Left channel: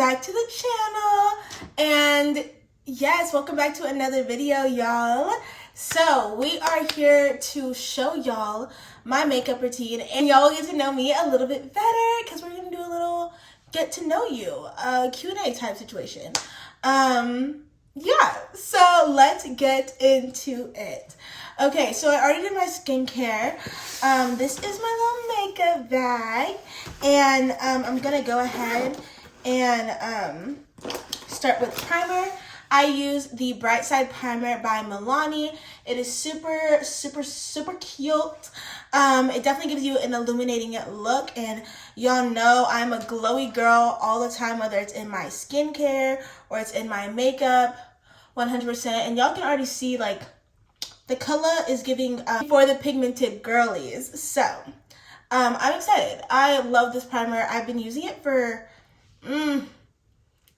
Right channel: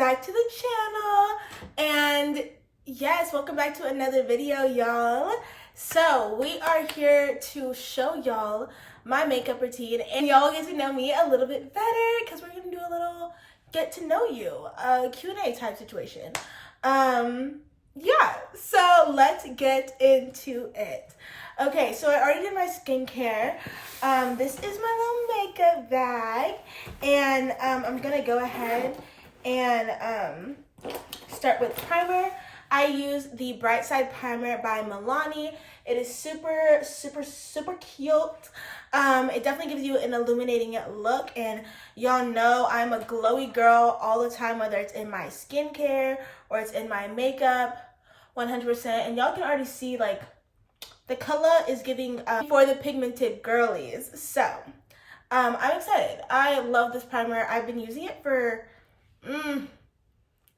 back to the channel, and yes, welcome back to another video, y'all. So we are here to show y'all my makeup routine, and y'all will get to know me a little bit better because we're gonna do a little get to know you Q&A type situation. Yeah, so let's get into it. Okay, so I already did my skincare. This is my little makeup bag, and I'm gonna go ahead and start with primer. I use the Bright Side Primer by Milani. It is super cute. It definitely gives you an illuminating look, and y'all know I'm a glowy girl all the time, whether it's in my skincare or it's in my makeup, 100%. And y'all can already see, like, the color is giving for the pigmented girlies. So, I'm excited. I love this primer. I've been using it for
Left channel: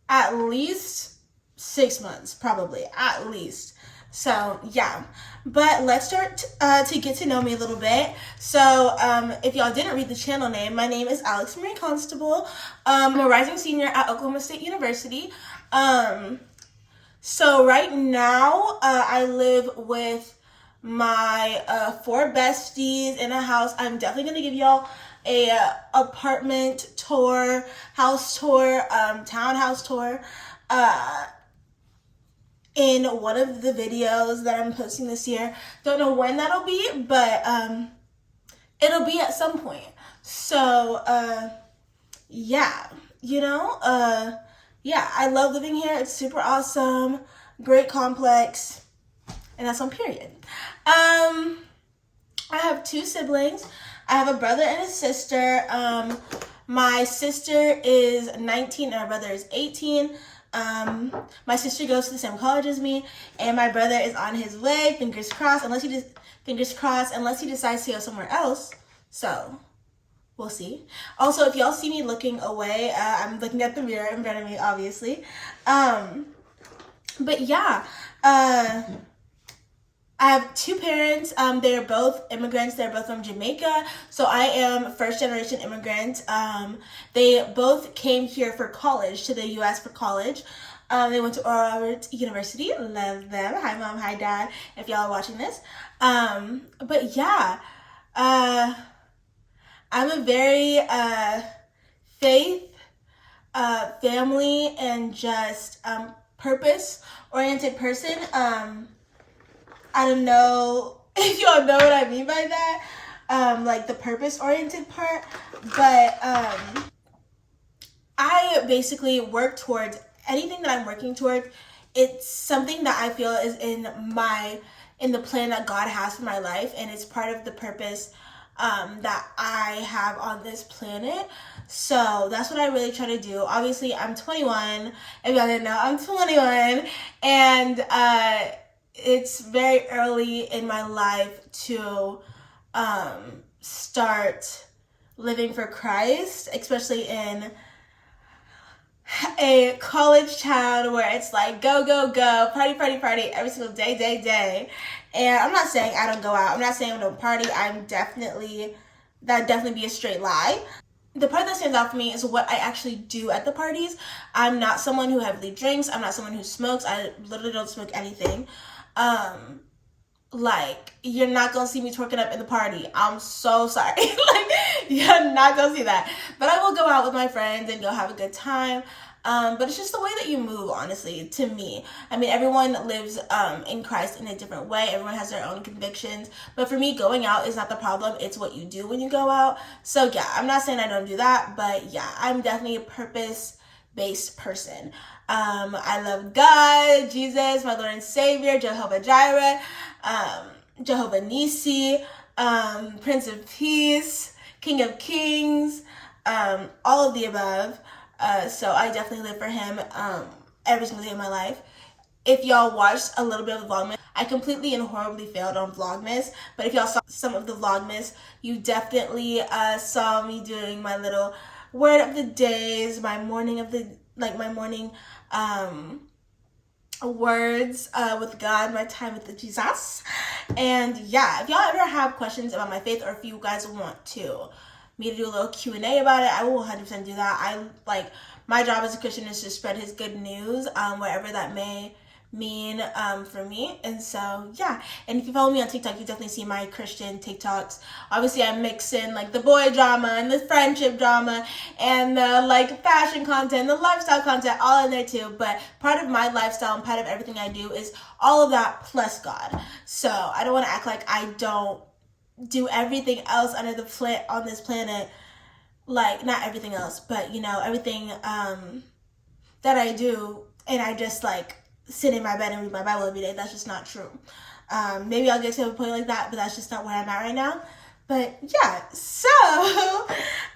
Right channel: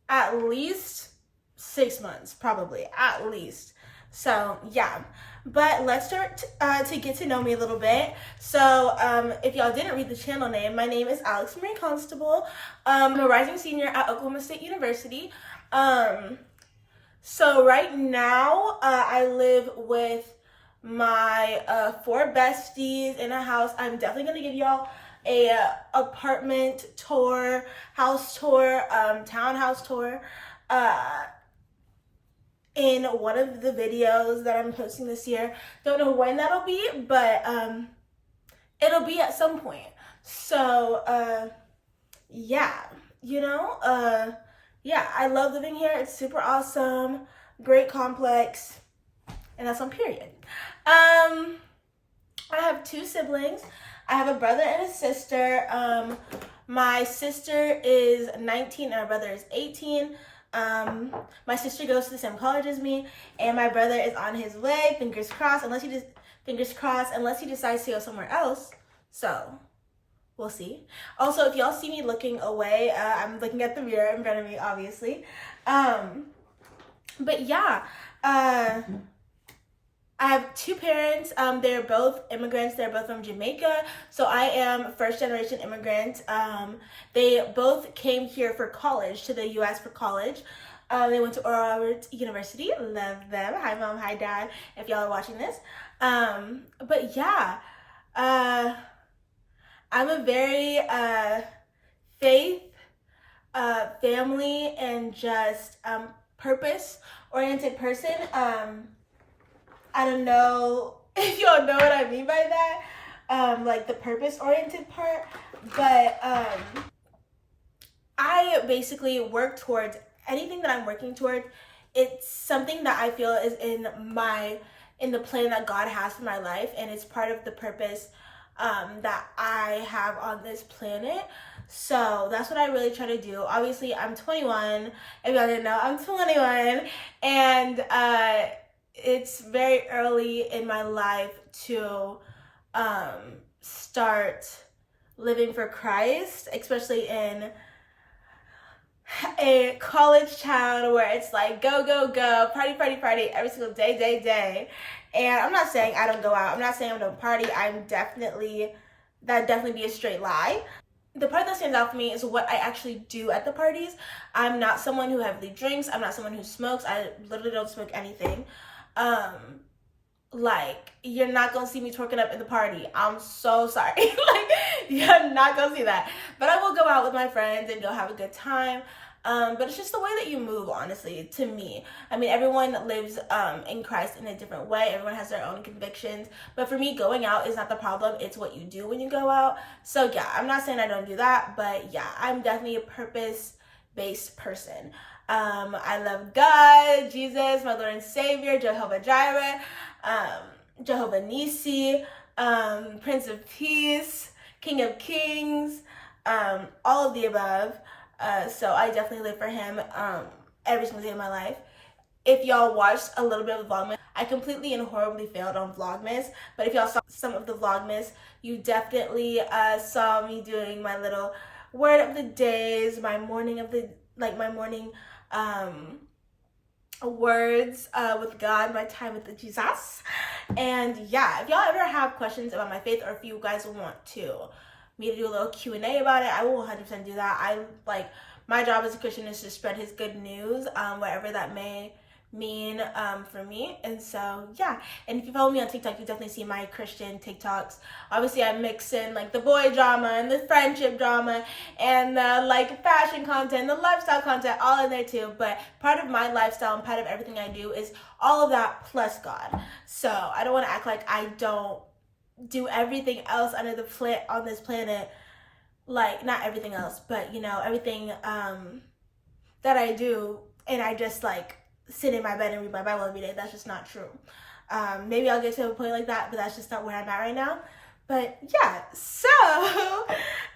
at least 6 months, probably, at least. So yeah, but let's start to get to know me a little bit. So if y'all didn't read the channel name, my name is Alex Marie Constable. I'm a rising senior at Oklahoma State University. So right now I live with my 4 besties in a house. I'm definitely gonna give y'all a apartment tour, house tour, townhouse tour in one of the videos that I'm posting this year. Don't know when that'll be, but it'll be at some point. So yeah, yeah, I love living here. It's super awesome, great complex, and that's on period. I have 2 siblings. I have a brother and a sister. My sister is 19 and my brother is 18. My sister goes to the same college as me, and my brother is on his way. Fingers crossed, unless he decides to go somewhere else. So we'll see. Also, if y'all see me looking away, I'm looking at the mirror in front of me, obviously. But yeah, I have 2 parents. They're both immigrants. They're both from Jamaica. So I am first generation immigrant. They both came here for college, to the US for college. They went to Oral Roberts University. Love them. Hi mom, hi dad, if y'all are watching this. But yeah, I'm a very faith, family, and just purpose-oriented person. I don't know if y'all know what I mean by that, like the purpose-oriented part, but I basically work towards anything that I'm working towards. It's something that I feel is in the plan that God has for my life, and it's part of the purpose that I have on this planet. So that's what I really try to do. Obviously, I'm 21. If y'all didn't know, I'm 21, and it's very early in my life to start living for Christ, especially in a college town where it's like go, party every single day. And I'm not saying I don't go out. I'm not saying I don't party. That'd definitely be a straight lie. The part that stands out for me is what I actually do at the parties. I'm not someone who heavily drinks. I'm not someone who smokes. I literally don't smoke anything. Like, you're not gonna see me twerking up in the party. I'm so sorry. Like, you're not gonna see that. But I will go out with my friends and go have a good time. But it's just the way that you move, honestly, to me. I mean, everyone lives in Christ in a different way. Everyone has their own convictions. But for me, going out is not the problem. It's what you do when you go out. So yeah, I'm not saying I don't do that, but yeah, I'm definitely a purpose-based person. I love God, Jesus, my Lord and Savior, Jehovah Jireh, Jehovah Nissi, Prince of Peace, King of Kings, all of the above. So I definitely live for him every single day of my life. If y'all watched a little bit of the Vlogmas, I completely and horribly failed on Vlogmas, but if y'all saw some of the Vlogmas, you definitely saw me doing my little word of the days, my morning words with God, my time with Jesus. And yeah, if y'all ever have questions about my faith, or if you guys want to me to do a little Q&A about it, I will 100% do that. My job as a Christian is to spread his good news, whatever that may mean for me. And so yeah, and if you follow me on TikTok, you definitely see my Christian TikToks. Obviously I mix in like the boy drama and the friendship drama and the like fashion content, the lifestyle content, all in there too. But part of my lifestyle and part of everything I do is all of that plus God. So I don't want to act like I don't do everything else under the planet on this planet, like not everything else, but you know, everything that I do, and I just like sit in my bed and read my Bible every day. That's just not true. Maybe I'll get to a point like that, but that's just not where I'm at right now. But yeah, so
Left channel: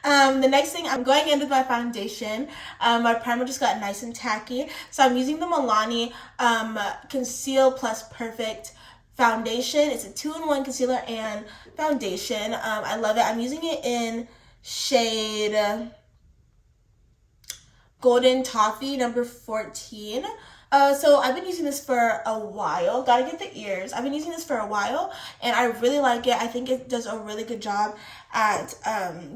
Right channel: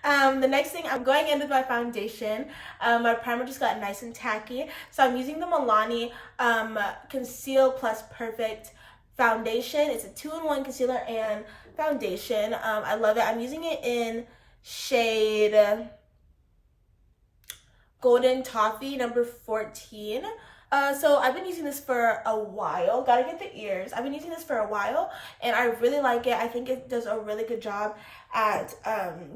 the next thing, I'm going in with my foundation. My primer just got nice and tacky, so I'm using the Milani Conceal Plus Perfect foundation. It's a 2-in-1 concealer and foundation. I love it. I'm using it in shade Golden Toffee number 14. So I've been using this for a while. Gotta get the ears. I've been using this for a while and I really like it. I think it does a really good job at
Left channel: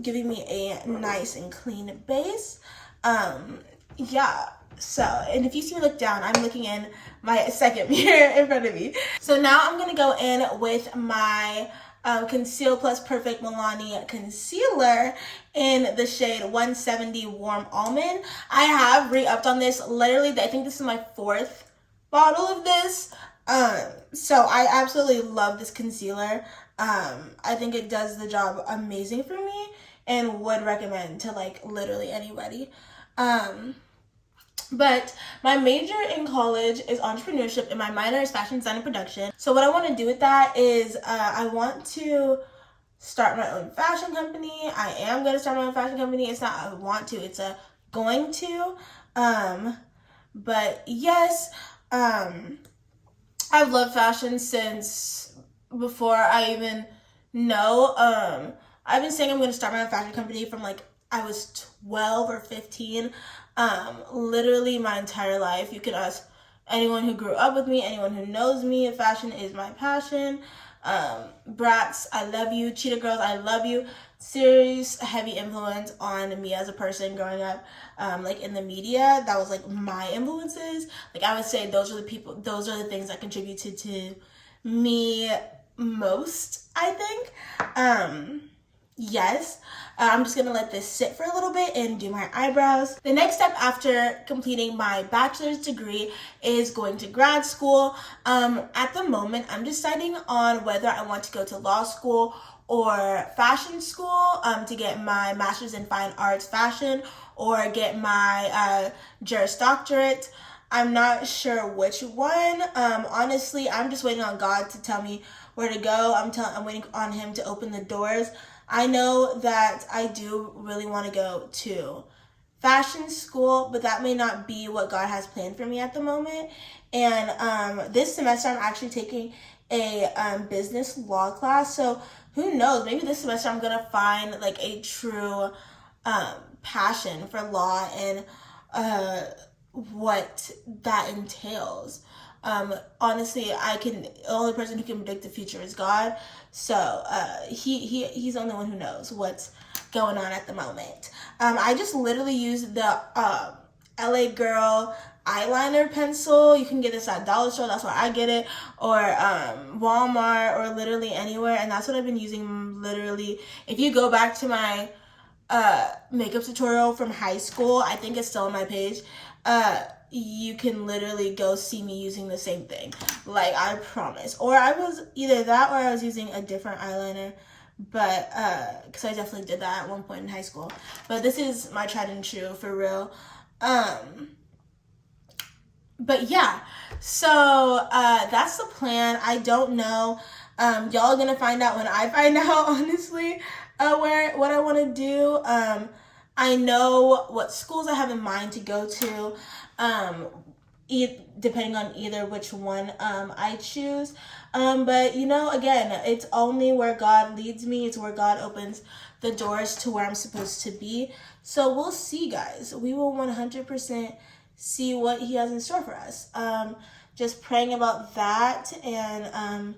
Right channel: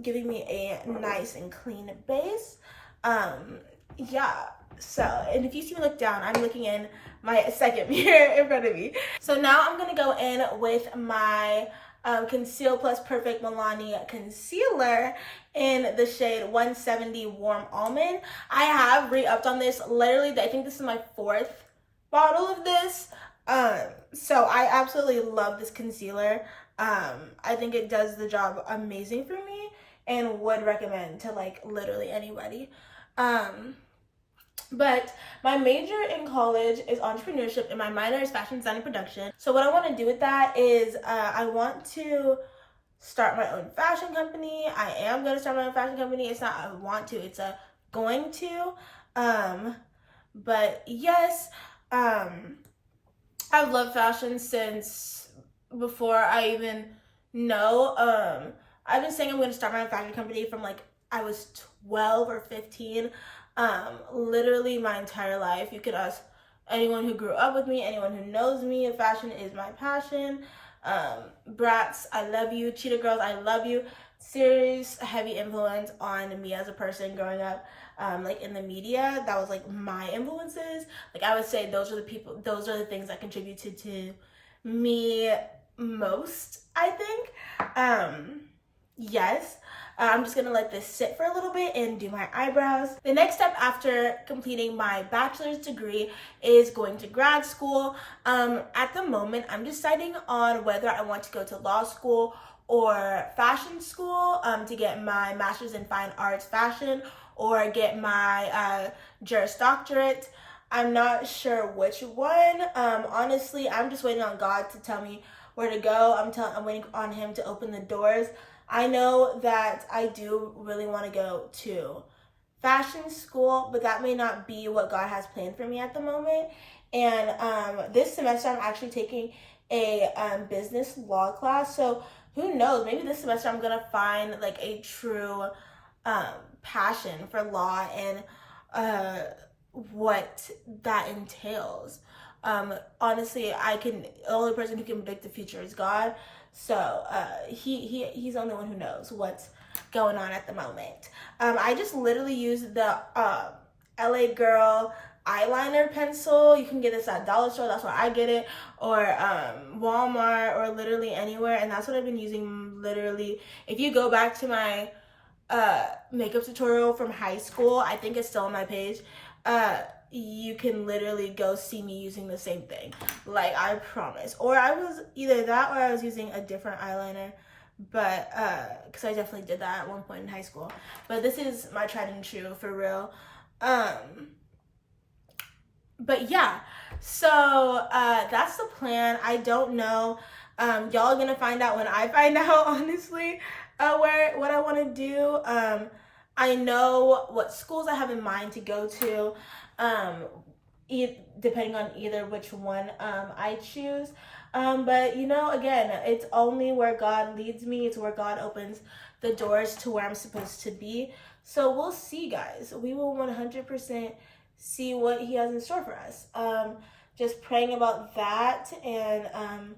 giving me a nice and clean base. Yeah. So, and if you see me look down, I'm looking in my second mirror in front of me. So now I'm gonna go in with my Conceal Plus Perfect Milani Concealer in the shade 170 Warm Almond. I have re-upped on this. Literally, I think this is my 4th bottle of this. So I absolutely love this concealer. I think it does the job amazing for me and would recommend to like literally anybody. But my major in college is entrepreneurship and my minor is fashion design and production. So what I want to do with that is I want to start my own fashion company. I am going to start my own fashion company. It's not I want to, it's a going to. But yes, I've loved fashion since before I even know. I've been saying I'm going to start my own fashion company from like I was 12 or 15. Literally my entire life. You can ask anyone who grew up with me, anyone who knows me. Fashion is my passion. Brats, I love you. Cheetah Girls, I love you. Serious heavy influence on me as a person growing up, like in the media. That was like my influences. Like I would say those are the things that contributed to me most, I think. Yes, I'm just gonna let this sit for a little bit and do my eyebrows. The next step after completing my bachelor's degree is going to grad school. At the moment, I'm deciding on whether I want to go to law school or fashion school to get my master's in fine arts fashion or get my Juris Doctorate. I'm not sure which one. Honestly, I'm just waiting on God to tell me where to go. I'm waiting on him to open the doors. I know that I do really want to go to fashion school, but that may not be what God has planned for me at the moment. And this semester I'm actually taking a business law class. So who knows, maybe this semester I'm going to find like a true passion for law and what that entails. Honestly, the only person who can predict the future is God. So he's the only one who knows what's going on at the moment. I just literally used the LA Girl eyeliner pencil. You can get this at Dollar Store, that's where I get it, or Walmart, or literally anywhere, and that's what I've been using literally. If you go back to my makeup tutorial from high school, I think it's still on my page, you can literally go see me using the same thing, like I promise. Or I was either that or I was using a different eyeliner, but because I definitely did that at one point in high school. But this is my tried and true for real. But yeah, so that's the plan. I don't know. Y'all are gonna find out when I find out, honestly, what I want to do. I know what schools I have in mind to go to, depending on either which one I choose. But you know, again, it's only where God leads me. It's where God opens the doors to where I'm supposed to be. So we'll see, guys. We will 100% see what he has in store for us. Just praying about that and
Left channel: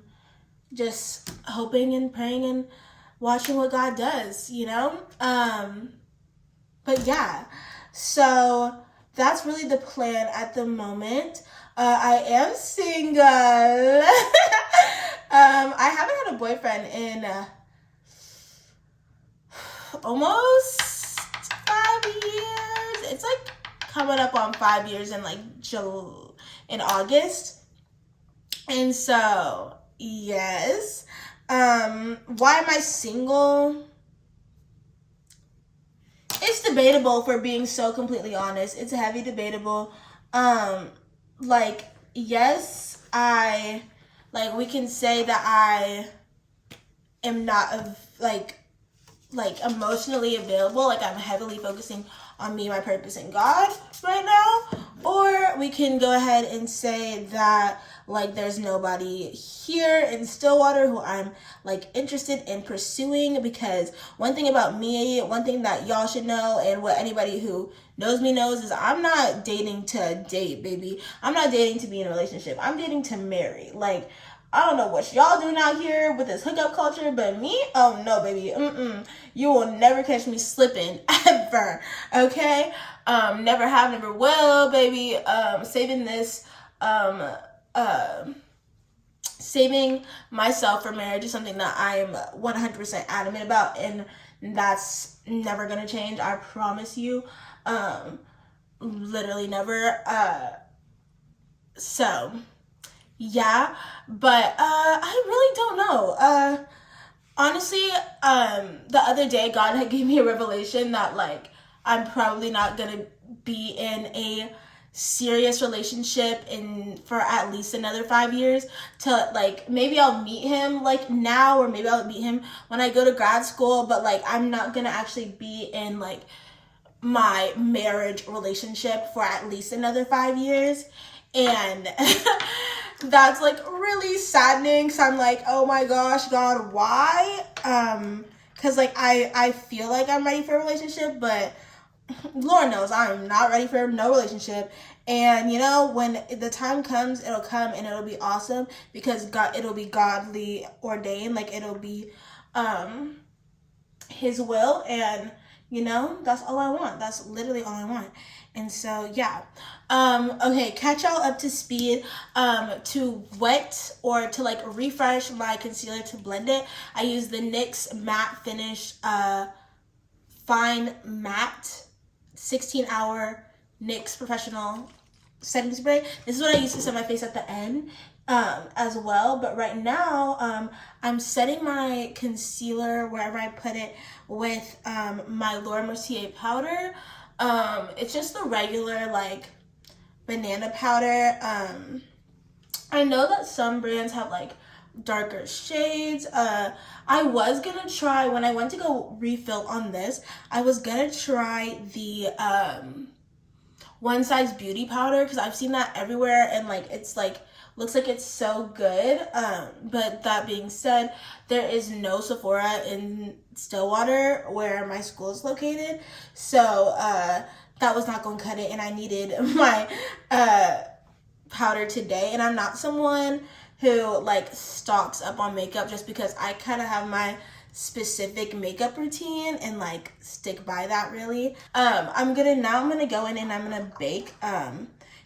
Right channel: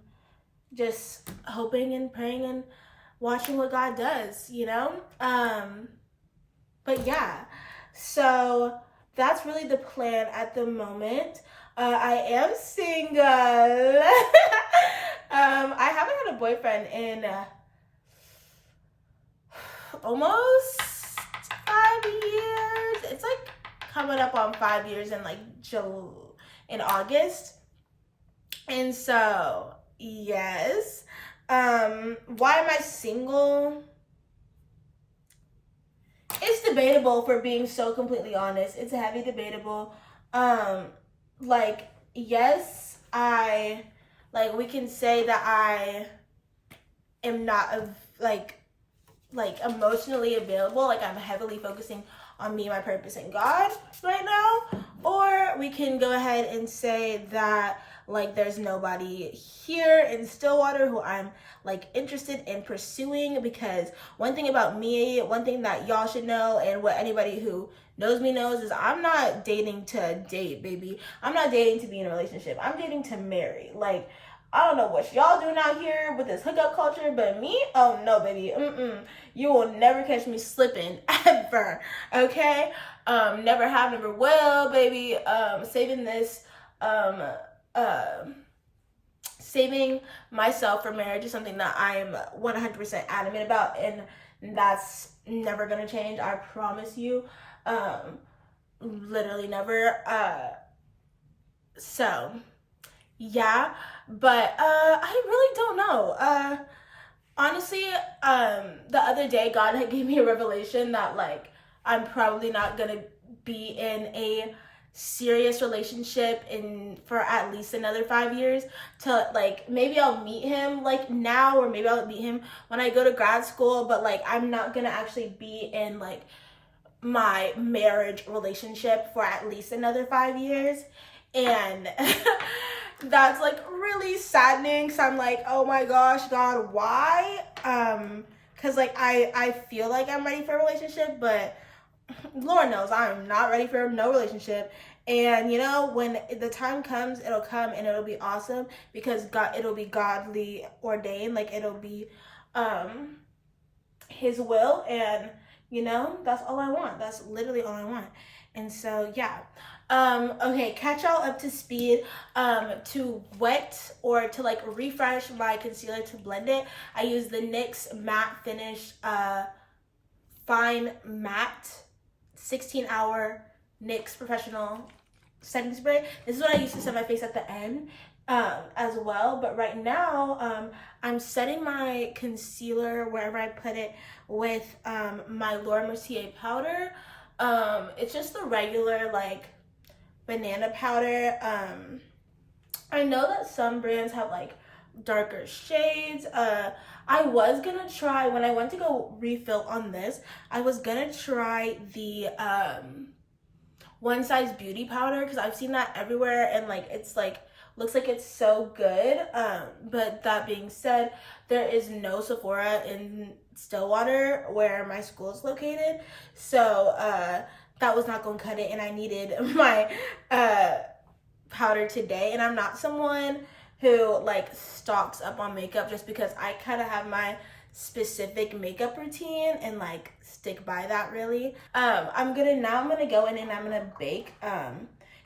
just hoping and praying and watching what God does, you know? But yeah, so that's really the plan at the moment. I am single. I haven't had a boyfriend in almost 5 years. It's like coming up on 5 years in like in August. And so, yes. Why am I single? It's debatable, for being so completely honest. It's heavy debatable. Like, yes, we can say that I am not like emotionally available. Like, I'm heavily focusing on me, my purpose, and God right now. Or we can go ahead and say that like there's nobody here in Stillwater who I'm like interested in pursuing. Because one thing about me, one thing that y'all should know, and what anybody who knows me knows, is I'm not dating to date, baby. I'm not dating to be in a relationship. I'm dating to marry. Like, I don't know what y'all doing out here with this hookup culture, but me, oh no, baby. You will never catch me slipping, ever. Okay? Never have, never will, baby. Saving myself for marriage is something that I am 100% adamant about, and that's never gonna change. I promise you. Literally never. So yeah, but I really don't know. Honestly, the other day God had gave me a revelation that like I'm probably not gonna be in a serious relationship for at least another 5 years. To like, maybe I'll meet him like now, or maybe I'll meet him when I go to grad school, but like I'm not gonna actually be in like my marriage relationship for at least another 5 years. And that's like really saddening. So I'm like, oh my gosh, God, why? Because like I feel like I'm ready for a relationship, but Lord knows I'm not ready for no relationship. And you know, when the time comes, it'll come and it'll be awesome, because it'll be godly ordained. Like, it'll be his will, and you know, that's all I want. That's literally all I want. And so yeah. Okay, catch y'all up to speed. To wet or to like refresh my concealer to blend it, I use the NYX Matte Finish Fine Matte 16-hour NYX Professional Setting Spray. This is what I use to set my face at the end as well. But right now, I'm setting my concealer wherever I put it with my Laura Mercier powder. It's just the regular like banana powder. I know that some brands have like darker shades. I was gonna try, when I went to go refill on this, I was gonna try the One Size Beauty powder, because I've seen that everywhere, and like it's like looks like it's so good. But that being said, there is no Sephora in Stillwater where my school is located, so that was not gonna cut it, and I needed my powder today. And I'm not someone who like stocks up on makeup, just because I kind of have my specific makeup routine and like stick by that really. I'm gonna go in and I'm gonna bake,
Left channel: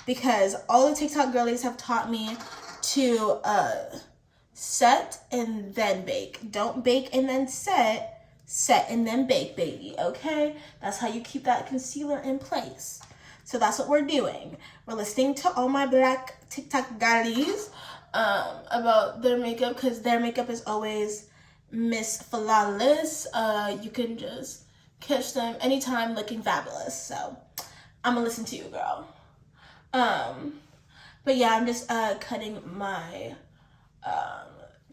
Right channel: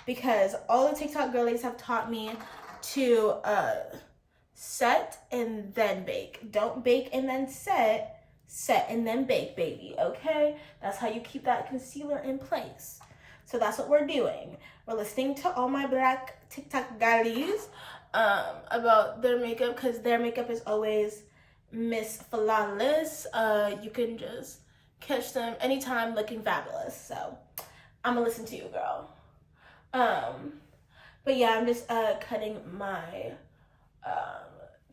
because all the TikTok girlies have taught me to set and then bake. Don't bake and then set and then bake, baby. Okay, that's how you keep that concealer in place. So that's what we're doing. We're listening to all my black TikTok girlies about their makeup, because their makeup is always Miss Flawless. You can just catch them anytime looking fabulous. So I'm gonna listen to you, girl. But yeah, I'm just cutting my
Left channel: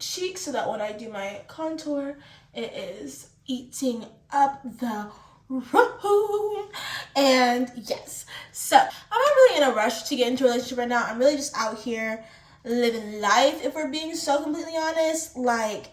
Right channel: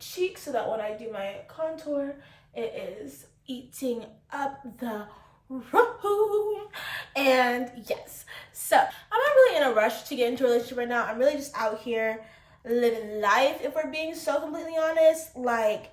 cheeks so that when I do my contour, it is eating up the room. And yes, so I'm not really in a rush to get into a relationship right now. I'm really just out here living life, if we're being so completely honest. Like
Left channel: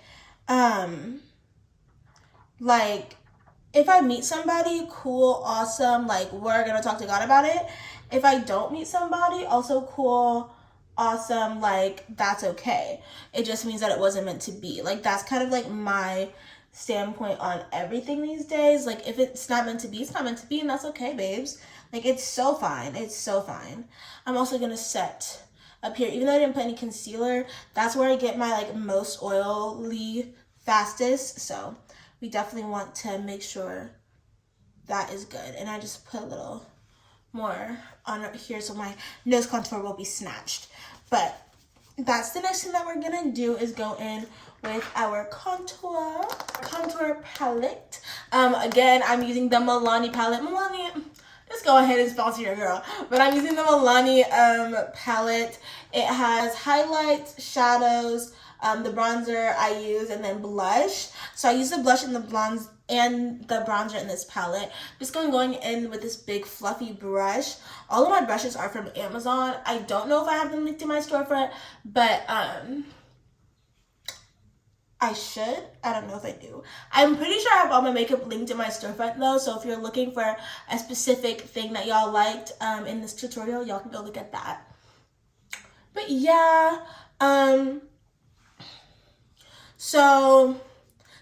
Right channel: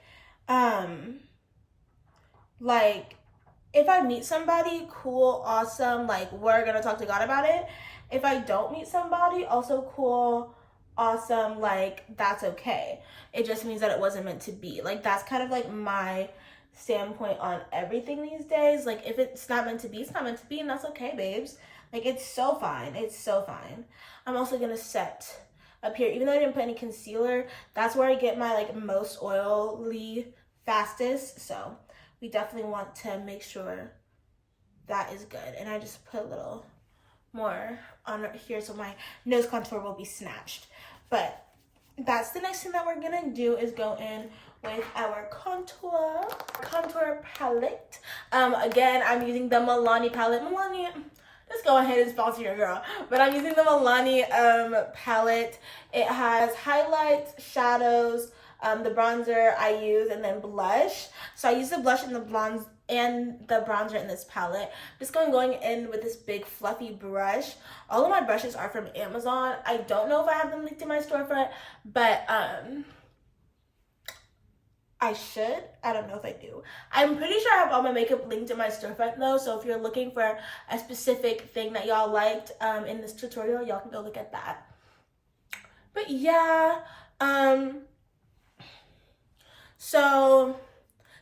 if I meet somebody, cool, awesome, like we're gonna talk to God about it. If I don't meet somebody, also cool, awesome, like that's okay. It just means that it wasn't meant to be. Like, that's kind of like my standpoint on everything these days. Like, if it's not meant to be, it's not meant to be, and that's okay, babes. Like, it's so fine. It's so fine. I'm also gonna set up here, even though I didn't put any concealer, that's where I get my like most oily fastest. So we definitely want to make sure that is good. And I just put a little more on here so my nose contour will be snatched. But that's the next thing that we're gonna do, is go in with our contour palette. Again, I'm using the Milani palette. Milani, let's go ahead and sponsor your girl. But I'm using the Milani palette. It has highlights, shadows, the bronzer I use, and then blush. So I use the blush and the bronze and the bronzer in this palette. I'm just going in with this big fluffy brush. All of my brushes are from Amazon. I don't know if I have them linked in my storefront, but I should. I don't know if I do. I'm pretty sure I have all my makeup linked in my storefront though, so if you're looking for a specific thing that y'all liked in this tutorial, y'all can go look at that. But yeah, so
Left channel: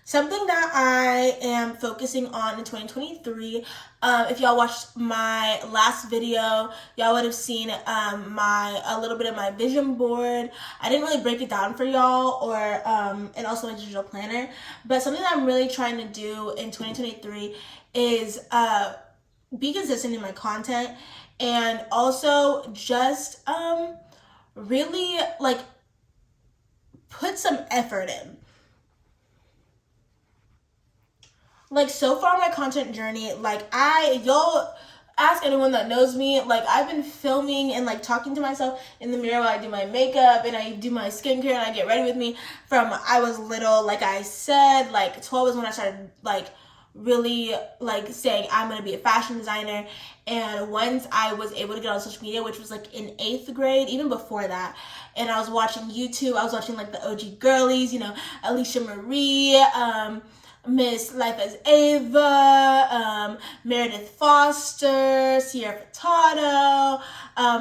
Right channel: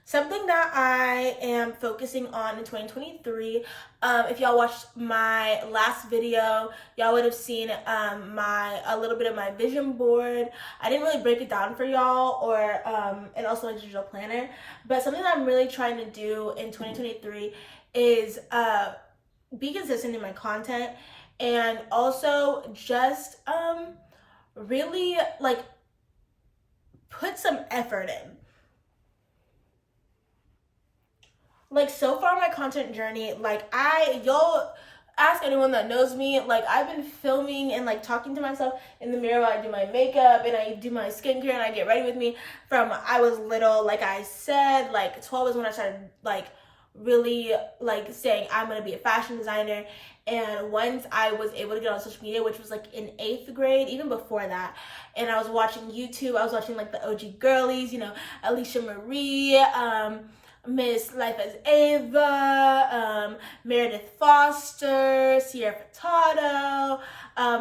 something that I am focusing on in 2023, if y'all watched my last video, y'all would have seen a little bit of my vision board. I didn't really break it down for y'all, or and also my digital planner. But something that I'm really trying to do in 2023 is be consistent in my content, and also just really like put some effort in. Like, so far in my content journey, like, you'll ask anyone that knows me, like, I've been filming and, like, talking to myself in the mirror while I do my makeup and I do my skincare and I get ready with me from I was little. Like I said, like, 12 is when I started, like, really, like, saying I'm going to be a fashion designer. And once I was able to get on social media, which was, like, in 8th grade, even before that, and I was watching YouTube, I was watching, like, the OG girlies, you know, Alicia Marie, Miss Life as Ava, Meredith Foster, Sierra Furtado,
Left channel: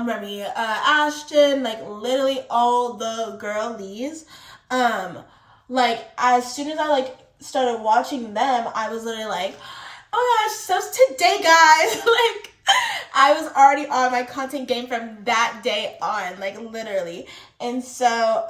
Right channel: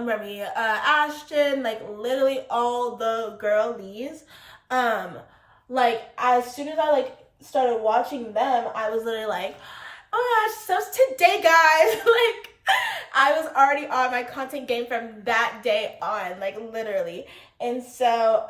Remy Ashton, like literally all the girlies. Like as soon as I like started watching them, I was literally like, oh my gosh, so today, guys, like I was already on my content game from that day on, like literally. And so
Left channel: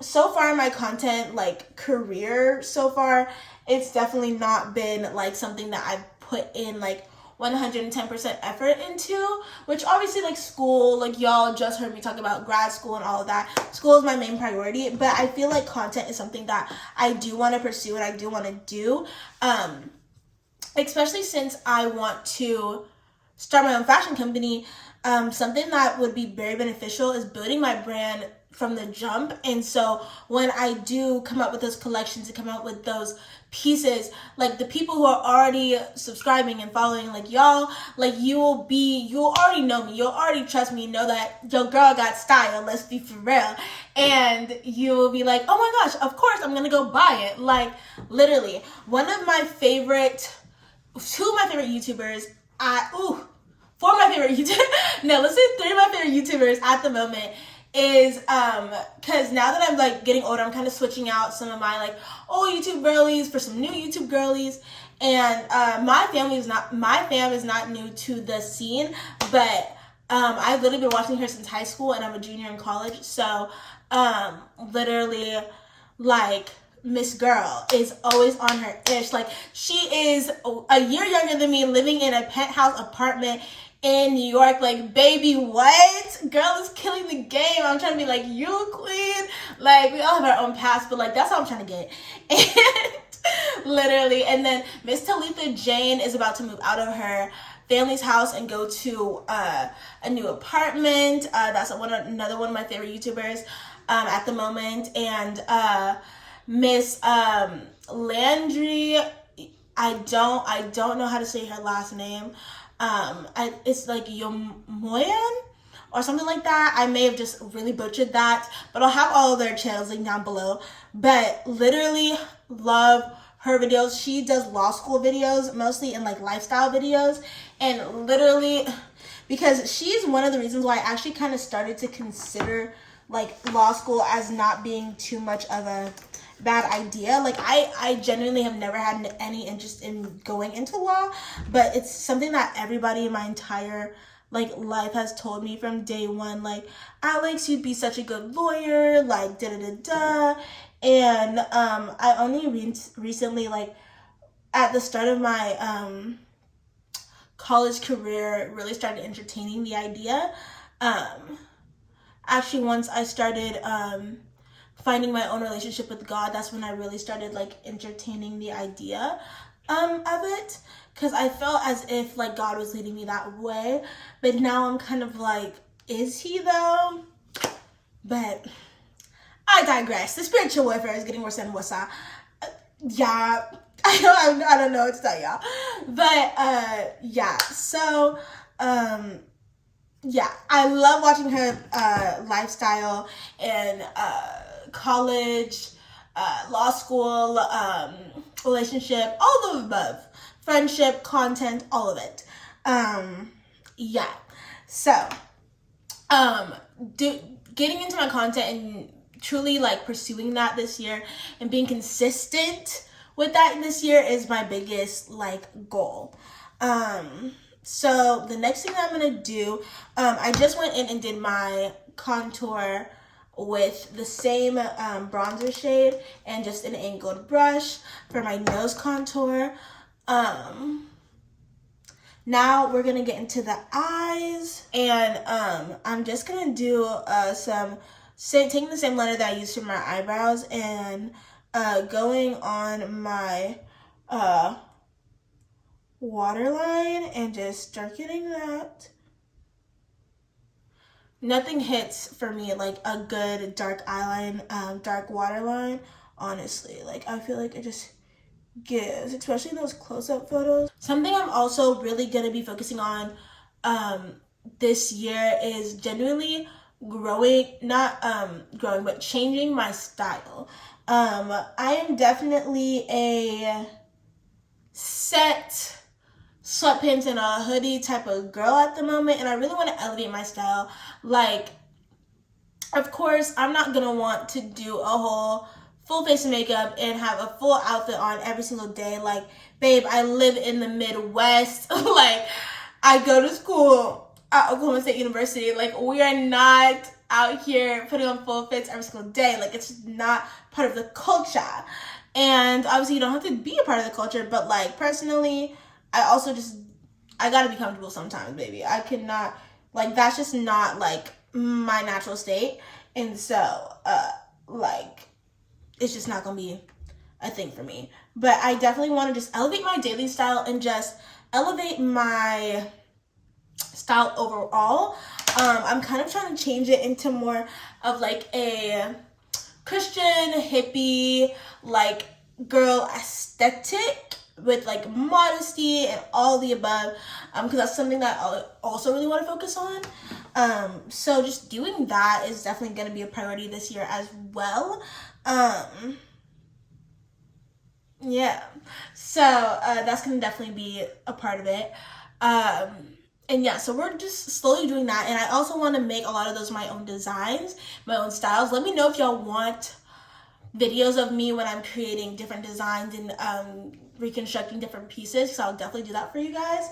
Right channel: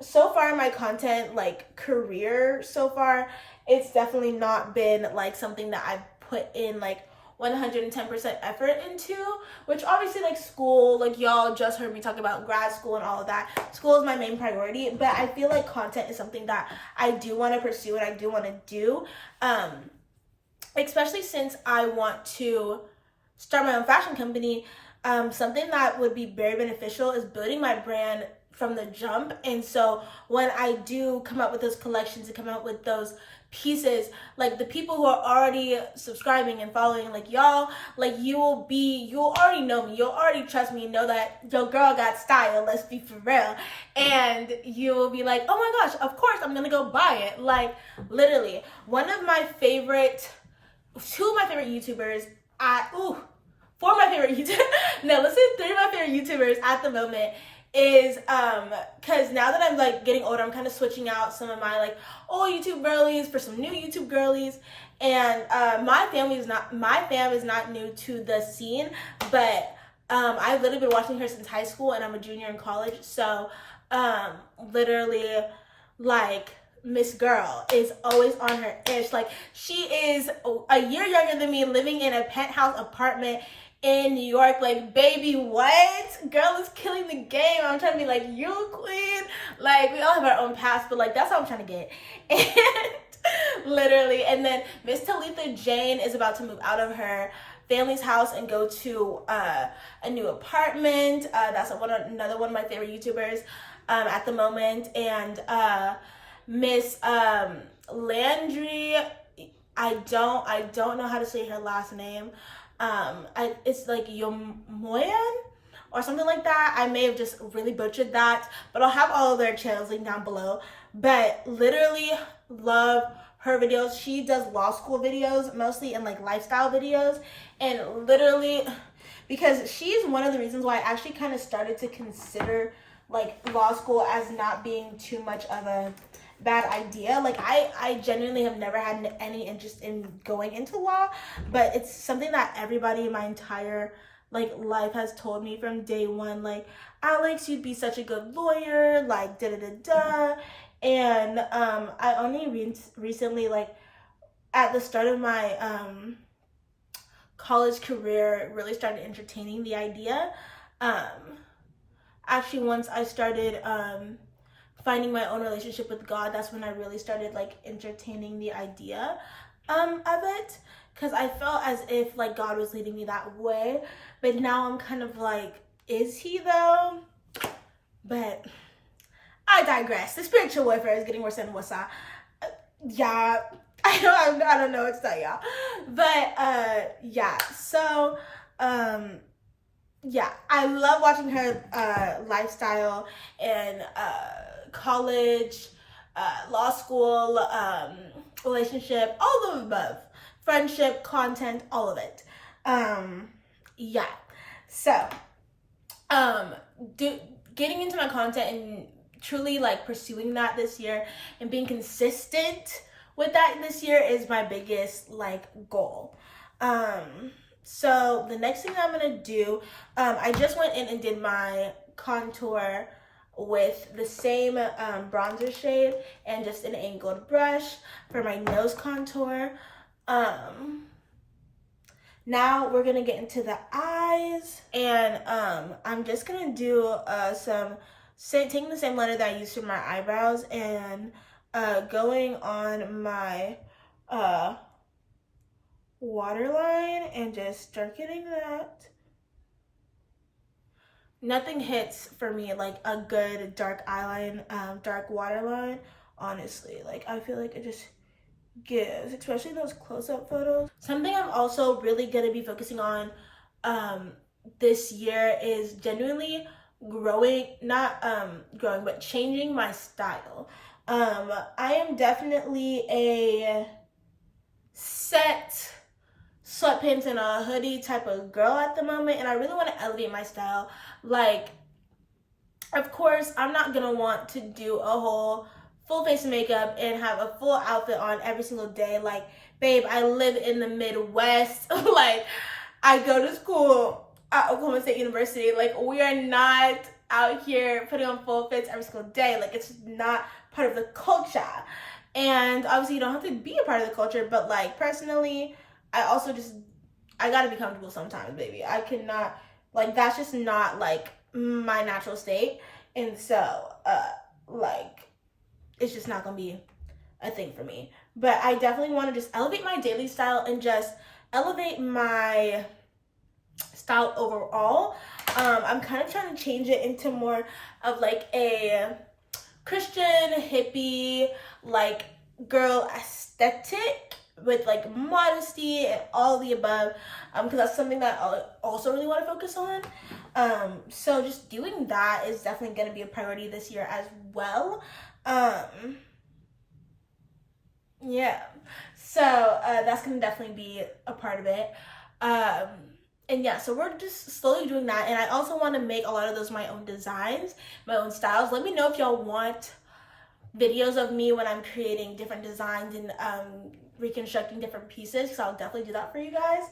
so far in my content like career so far, it's definitely not been like something that I've put in like 110% effort into, which obviously like school, like y'all just heard me talk about grad school and all of that. School is my main priority, but I feel like content is something that I do want to pursue and I do want to do, especially since I want to start my own fashion company. Something that would be very beneficial is building my brand from the jump. And so when I do come up with those collections and come out with those pieces, like the people who are already subscribing and following, like y'all, like you'll already know me, you'll already trust me, you know that your girl got style, let's be for real, and you will be like, oh my gosh, of course I'm gonna go buy it. Like literally two of my favorite YouTubers, four of my favorite YouTubers, no, let's say three of my favorite YouTubers at the moment is because now that I'm like getting older, I'm kind of switching out some of my like old YouTube girlies for some new YouTube girlies. And my fam is not new to the scene, but I've literally been watching her since high school and I'm a junior in college. So literally like Miss Girl is always on her ish. Like she is a year younger than me, living in a penthouse apartment in New York. Like, baby, what? Girl is killing the game. I'm trying to be like, you queen. Like, we all have our own past, but like, that's how I'm trying to get. And literally, and then Miss Talitha Jane is about to move out of her family's house and go to a new apartment. That's another one of my favorite YouTubers at the moment. And Miss Landry, I don't know how to say her last name. It's like Yomoyan or something like that. I may have just really butchered that, but I'll have all of their channels linked down below. But literally love her videos. She does law school videos mostly and like lifestyle videos, and literally because she's one of the reasons why I actually kind of started to consider like law school as not being too much of a bad idea. Like I genuinely have never had any interest in going into law, but it's something that everybody in my entire like life has told me from day one, like, Alex, you'd be such a good lawyer, like da da da da. And I only recently, like at the start of my college career, really started entertaining the idea. Actually, once I started finding my own relationship with God, that's when I really started like entertaining the idea of it, because I felt as if like God was leading me that way. But now I'm kind of like, is he though? But I digress. The spiritual warfare is getting worse and worse. Yeah, I don't know what to tell y'all. But yeah, so yeah, I love watching her lifestyle and college, law school, relationship, all of the above, friendship, content, all of it. Yeah, so getting into my content and truly like pursuing that this year and being consistent with that this year is my biggest like goal. So the next thing that I'm gonna do, I just went in and did my contour with the same bronzer shade and just an angled brush for my nose contour. Now we're gonna get into the eyes, and I'm just gonna do taking the same liner that I used for my eyebrows and going on my waterline and just darkening that. Nothing hits for me like a good dark eyeline, dark waterline, honestly. Like I feel like it just gives, especially in those close-up photos. Something I'm also really gonna be focusing on this year is genuinely but changing my style. I am definitely a set sweatpants and a hoodie type of girl at the moment, and I really want to elevate my style. Like, of course, I'm not gonna want to do a whole full face of makeup and have a full outfit on every single day. Like, babe, I live in the Midwest. Like, I go to school at Oklahoma State University. Like, we are not out here putting on full fits every single day. Like, it's not part of the culture. And obviously you don't have to be a part of the culture, but like personally, I gotta be comfortable sometimes, baby. I cannot, like, that's just not like my natural state. And so, like, it's just not gonna be a thing for me. But I definitely want to just elevate my daily style and just elevate my style overall. I'm kind of trying to change it into more of like a Christian hippie like girl aesthetic with like modesty and all the above, because that's something that I also really want to focus on. So just doing that is definitely going to be a priority this year as well. Yeah, so that's going to definitely be a part of it. And yeah, so we're just slowly doing that. And I also want to make a lot of those my own designs, my own styles. Let me know if y'all want videos of me when I'm creating different designs and reconstructing different pieces, because I'll definitely do that for you guys.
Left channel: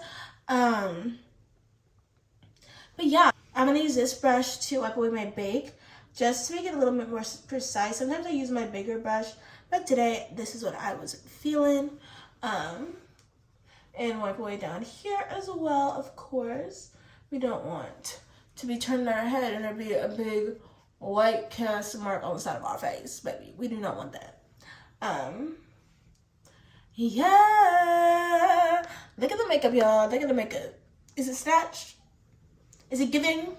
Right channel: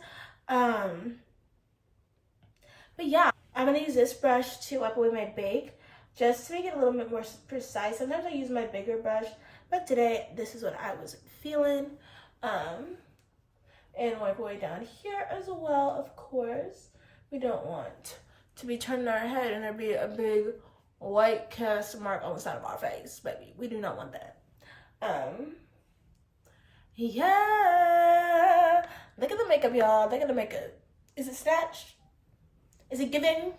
But yeah, I'm gonna use this brush to wipe away my bake just to make it a little bit more precise. Sometimes I use my bigger brush, but today this is what I was feeling. And wipe away down here as well, of course. We don't want to be turning our head and there be a big white cast mark on the side of our face, baby. We do not want that. Yeah. Look at the makeup, y'all. Look at the makeup. Is it snatched? Is it giving?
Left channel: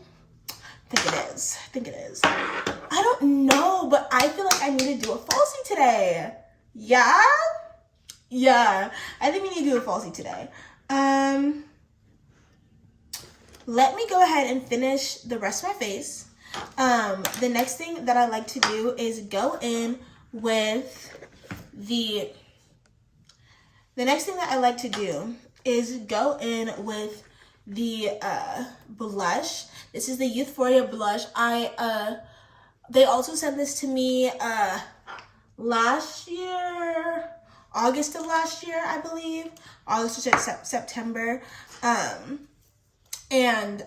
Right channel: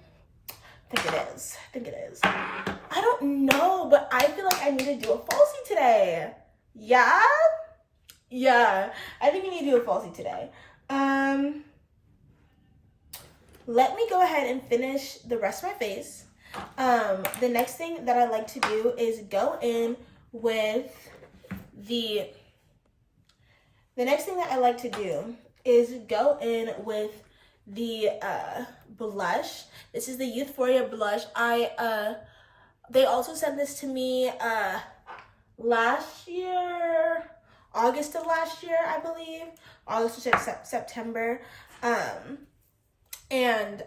I think it is. I think it is. I don't know, but I feel like I need to do a falsie today. Yeah? Yeah. I think we need to do a falsie today. Let me go ahead and finish the rest of my face. The next thing that I like to do is go in with the blush. This is the Youthforia blush. They also sent this to me last year, August of last year, I believe. August or September. And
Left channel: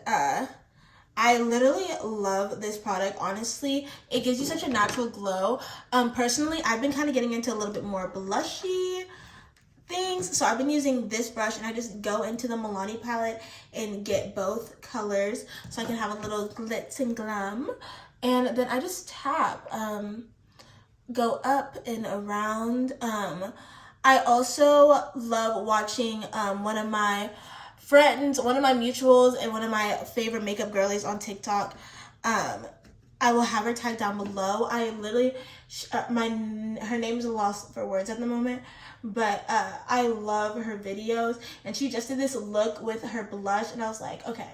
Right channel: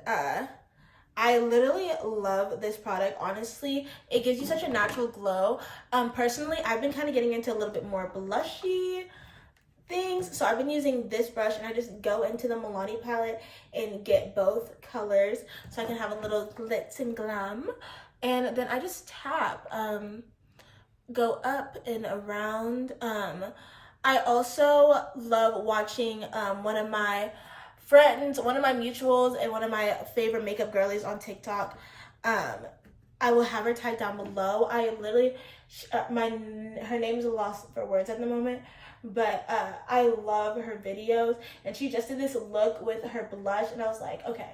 I literally love this product. Honestly, it gives you such a natural glow. Personally, I've been kind of getting into a little bit more blushy things, so I've been using this brush, and I just go into the Milani palette and get both colors so I can have a little glitz and glam, and then I just tap, go up and around. I also love watching one of my friends, one of my mutuals, and one of my favorite makeup girlies on TikTok. I will have her tagged down below. I literally, her name is a loss for words at the moment, but I love her videos, and she just did this look with her blush, and I was like, okay,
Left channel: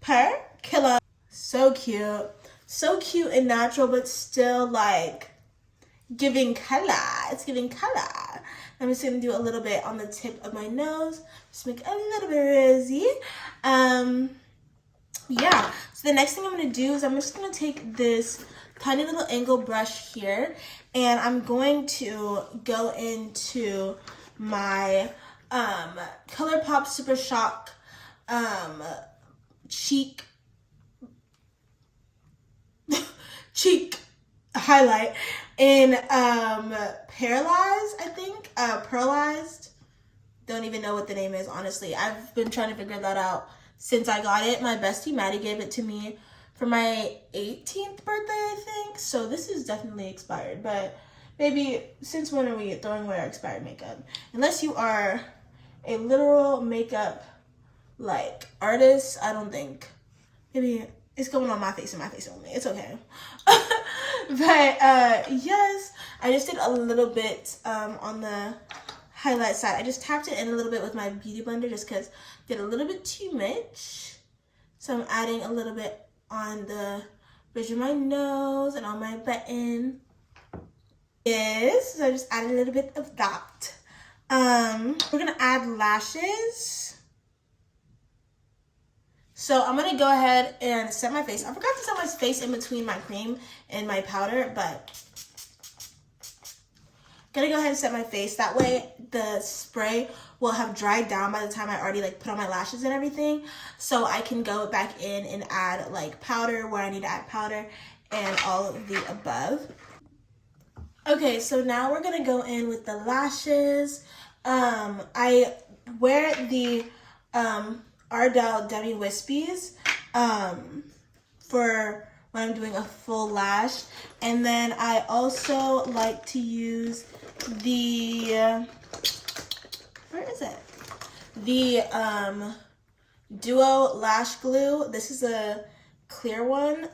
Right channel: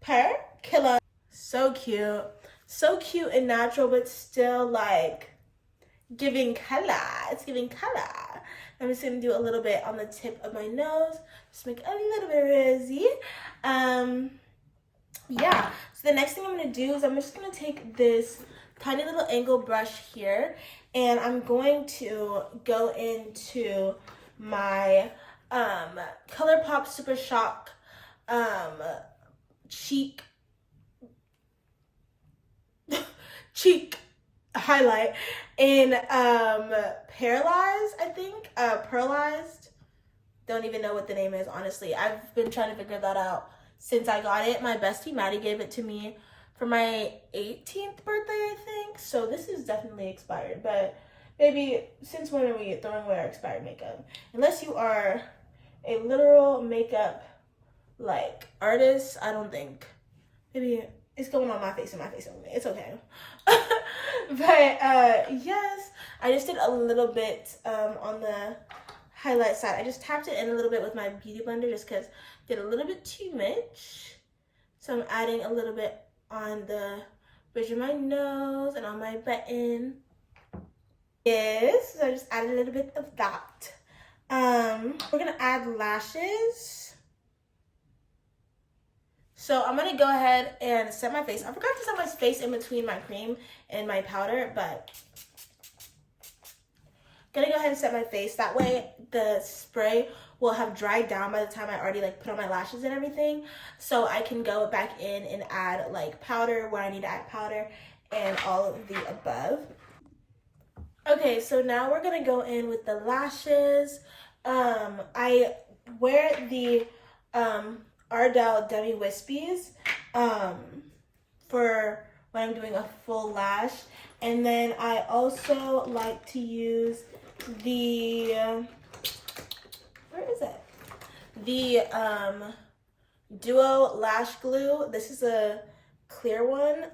per killer. So cute and natural, but still like giving color. It's giving color. I'm just gonna do a little bit on the tip of my nose, just make it a little bit rosy. Yeah, so the next thing I'm gonna do is I'm just gonna take this tiny little angle brush here, and I'm going to go into my ColourPop Super Shock cheek highlight in Paralyzed, I think. Pearlized. Don't even know what the name is, honestly. I've been trying to figure that out since I got it. My bestie Maddie gave it to me for my 18th birthday, I think. So this is definitely expired. But baby, since when are we throwing away our expired makeup? Unless you are a literal makeup like artist, I don't think. Maybe it's going on my face and my face only. It's okay. But yes, I just did a little bit on the highlight side. I just tapped it in a little bit with my beauty blender just because I did a little bit too much. So I'm adding a little bit on the bridge of my nose and on my button. Yes, so I just added a little bit of that. We're gonna add lashes. So I'm gonna go ahead and set my face. I forgot to set my face in between my cream and my powder, but I'm gonna go ahead and set my face. That way the spray will have dried down by the time I already like put on my lashes and everything. So I can go back in and add like powder where I need to add powder and all of the above. Okay, so now we're gonna go in with the lashes. I wear the Ardell Demi Wispies for when I'm doing a full lash, and then I also like to use the where is it? The Duo Lash Glue. This is a clear one.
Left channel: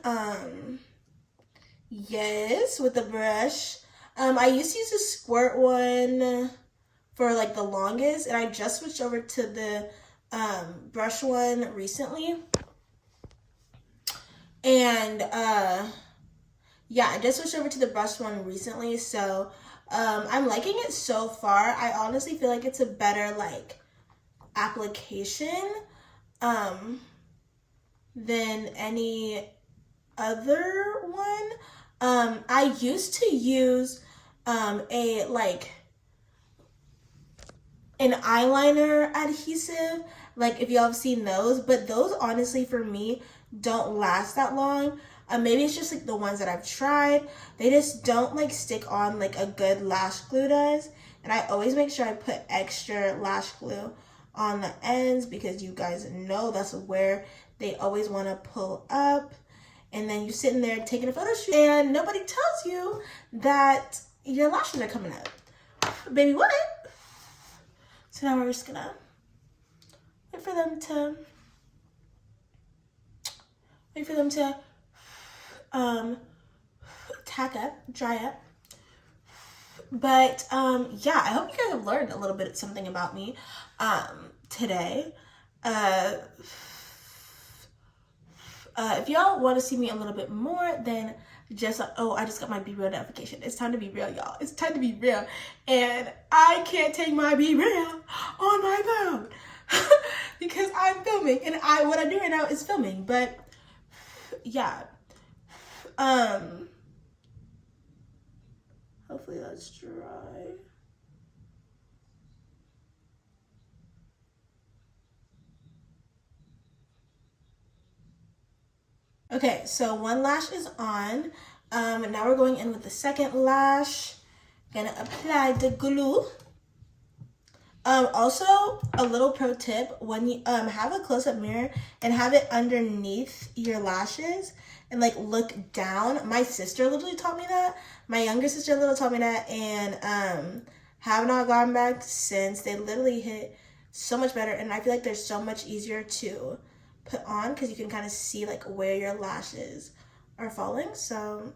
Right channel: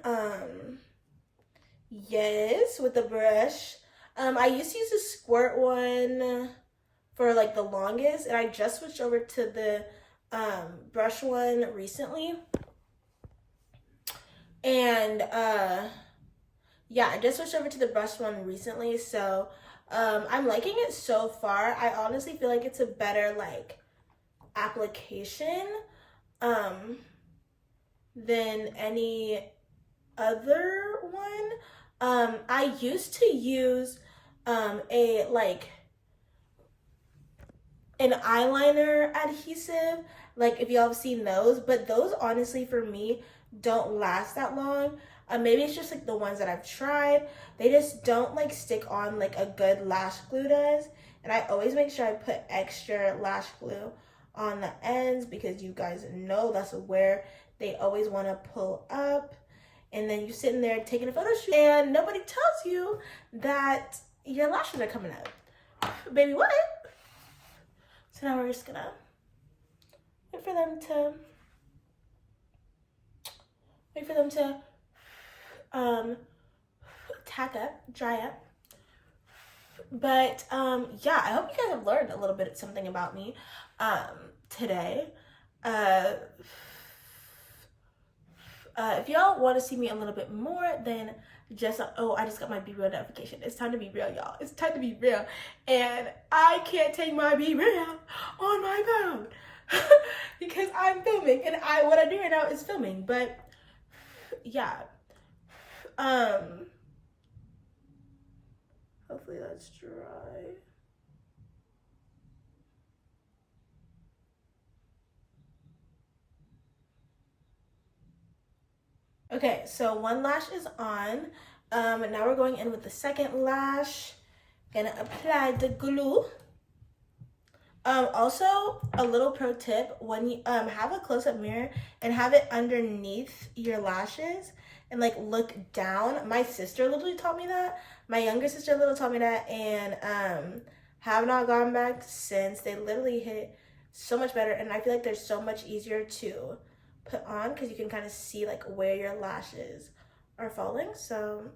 Yes, with the brush. I used to use a squirt one for like the longest, and I just switched over to the brush one recently. And yeah, I just switched over to the brush one recently, so I'm liking it so far. I honestly feel like it's a better like application than any other one. I used to use a like an eyeliner adhesive, like if y'all have seen those, but those honestly for me don't last that long. Maybe it's just like the ones that I've tried, they just don't like stick on like a good lash glue does. And I always make sure I put extra lash glue on the ends because you guys know that's where they always want to pull up. And then you're sitting there taking a photo shoot and nobody tells you that your lashes are coming up. Baby, what? So now we're just gonna wait for them to tack up, dry up. But yeah, I hope you guys have learned a little bit something about me today. If y'all want to see me a little bit more, then just I just got my Be Real notification. It's time to be real, y'all. It's time to be real, and I can't take my Be Real on my phone because I'm filming, and what I do right now is filming. But yeah, hold Hopefully that's dry. Okay, so one lash is on. Now we're going in with the second lash. Gonna apply the glue. Also, a little pro tip, when you have a close-up mirror and have it underneath your lashes and like look down. My sister literally taught me that. My younger sister literally taught me that, and have not gone back since. They literally hit so much better, and I feel like they're so much easier to put on because you can kind of see like where your lashes are falling. So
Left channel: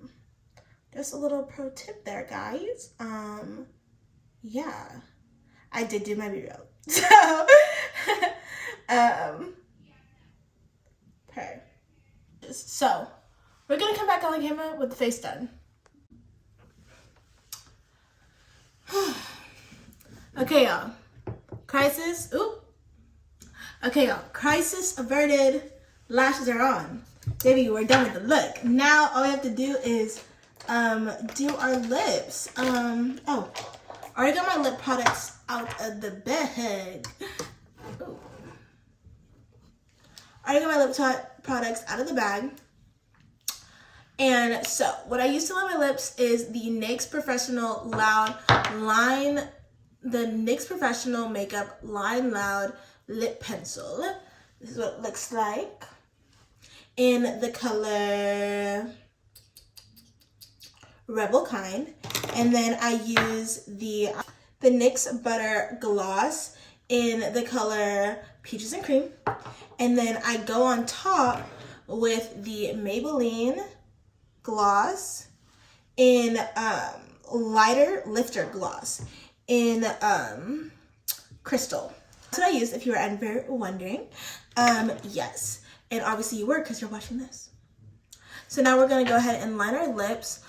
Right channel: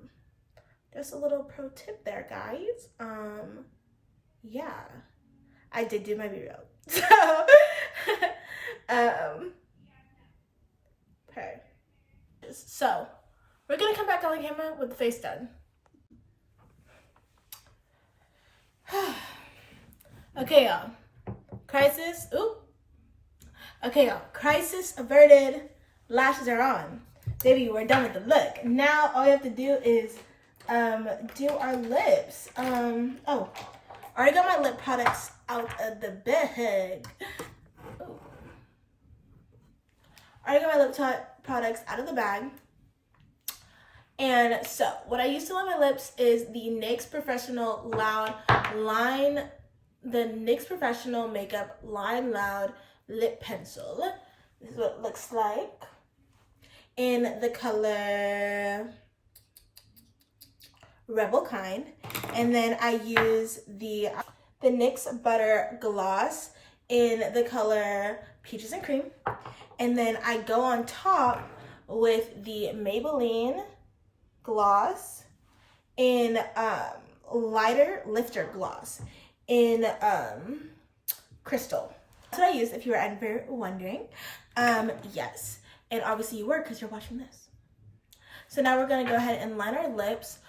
just a little pro tip there, guys. Yeah, I did do my B-roll. So okay. So we're gonna come back on camera with the face done. Okay, y'all. Crisis. Oop. Okay, y'all. Crisis averted. Lashes are on. Baby, we're done with the look. Now all you have to do is do our lips. Oh, I already got my lip products out of the bag. Ooh. I already got my lip products out of the bag. And so what I use to line my lips is the NYX Professional Makeup Line Loud Lip Pencil. This is what it looks like in the color Rebel Kind. And then I use the NYX Butter Gloss in the color Peaches and Cream. And then I go on top with the Maybelline gloss in lighter lifter gloss in Crystal. That's what I use if you were ever wondering. Yes, and obviously you were because you're watching this. So now we're gonna go ahead and line our lips.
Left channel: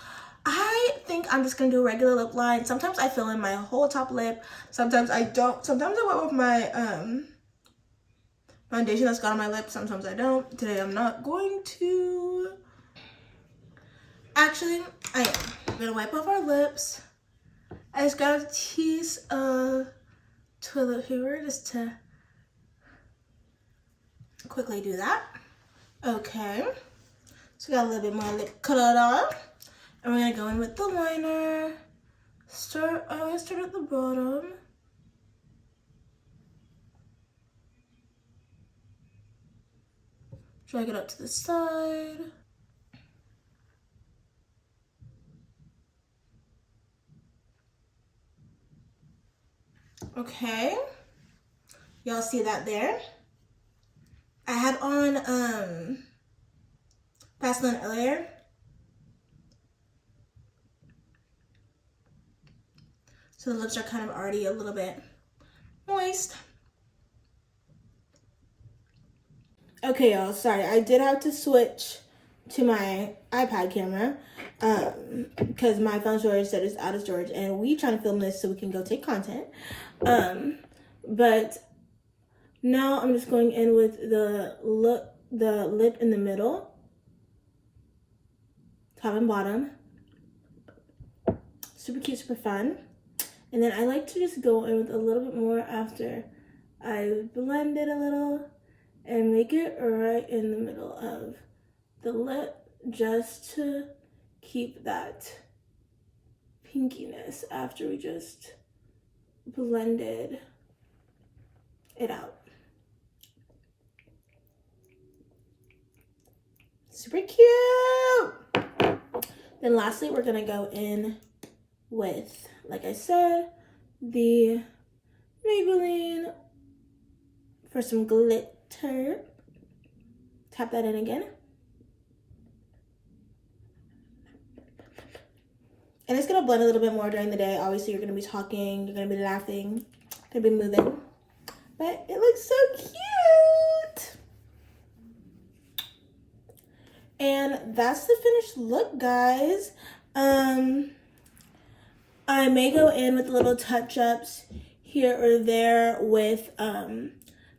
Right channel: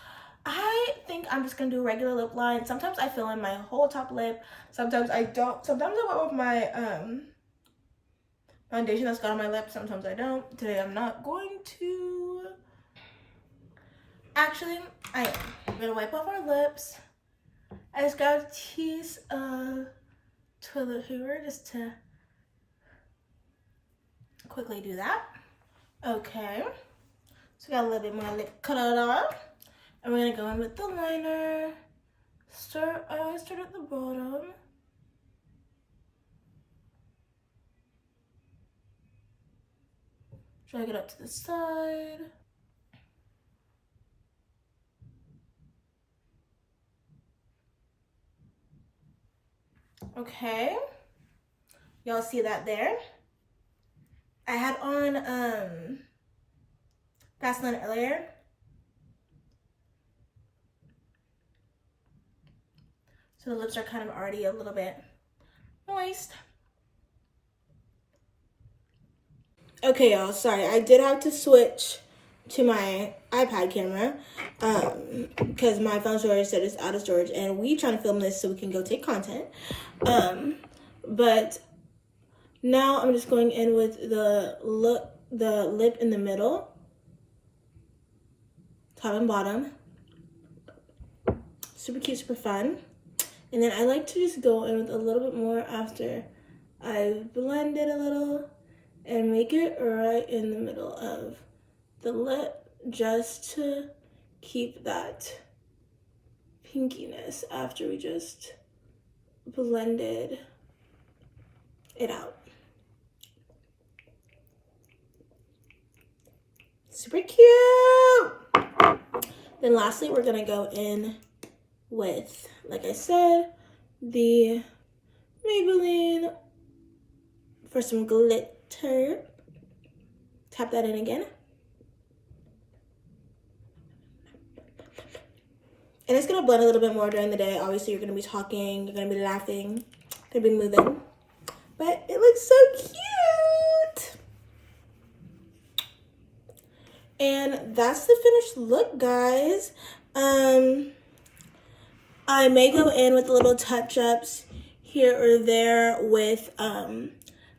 I think I'm just gonna do a regular lip line. Sometimes I fill in my whole top lip, sometimes I don't. Sometimes I went with my foundation that's got on my lip, sometimes I don't. Today I'm not going to. Actually, I am. I'm gonna wipe off our lips. I just got a piece of toilet paper just to quickly do that. Okay. So we got a little bit more lip color. And we're gonna go in with the liner. Start at the bottom. Drag it up to the side. Okay, y'all see that there? I had on Vaseline earlier. So the lips are kind of already a little bit moist. Okay, y'all, sorry. I did have to switch to my iPad camera because my phone storage said it's out of storage, and we trying to film this so we can go take content. But now I'm just going in with the lip in the middle, top and bottom. Super cute, super fun. And then I like to just go in with a little bit more after I've blended a little and make it right in the middle of the lip just to keep that pinkiness after we just blended it out. Super cute. Then lastly, we're gonna go in with, like I said, the Maybelline for some glitter. Tap that in again. And it's gonna blend a little bit more during the day. Obviously, you're gonna be talking, you're gonna be laughing, gonna be moving. But it looks so cute. And that's the finished look, guys. I may go in with little touch-ups here or there with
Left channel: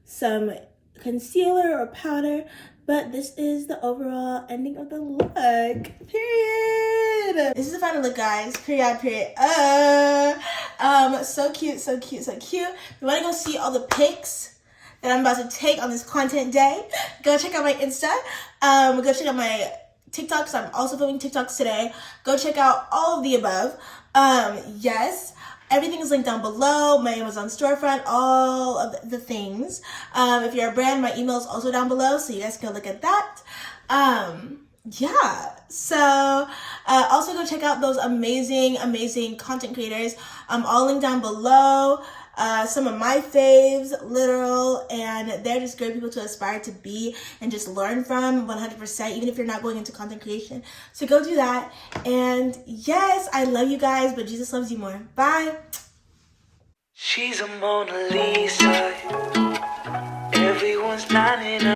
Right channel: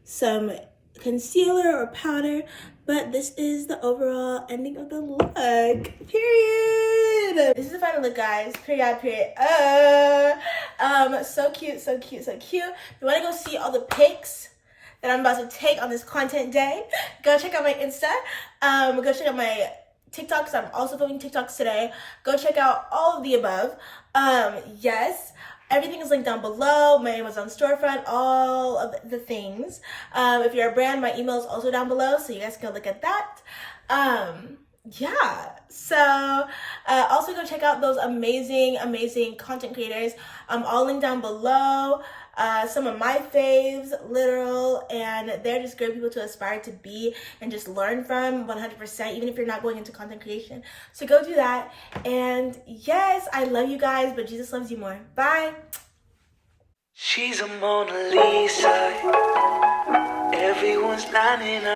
some concealer or powder, but this is the overall ending of the look. Period. This is the final look, guys. Period. So cute, so cute, so cute. You want to go see all the pics that I'm about to take on this content day? Go check out my Insta. Go check out my TikToks. I'm also filming TikToks today. Go check out all of the above. Yes. Everything is linked down below. My Amazon storefront, all of the things. If you're a brand, my email is also down below, so you guys can look at that. Yeah. So also go check out those amazing content creators. All linked down below. Some of my faves, literal, and they're just great people to aspire to be and just learn from 100%, even if you're not going into content creation. So go do that. And yes, I love you guys, but Jesus loves you more. Bye. She's a Mona Lisa. Everyone's lining up.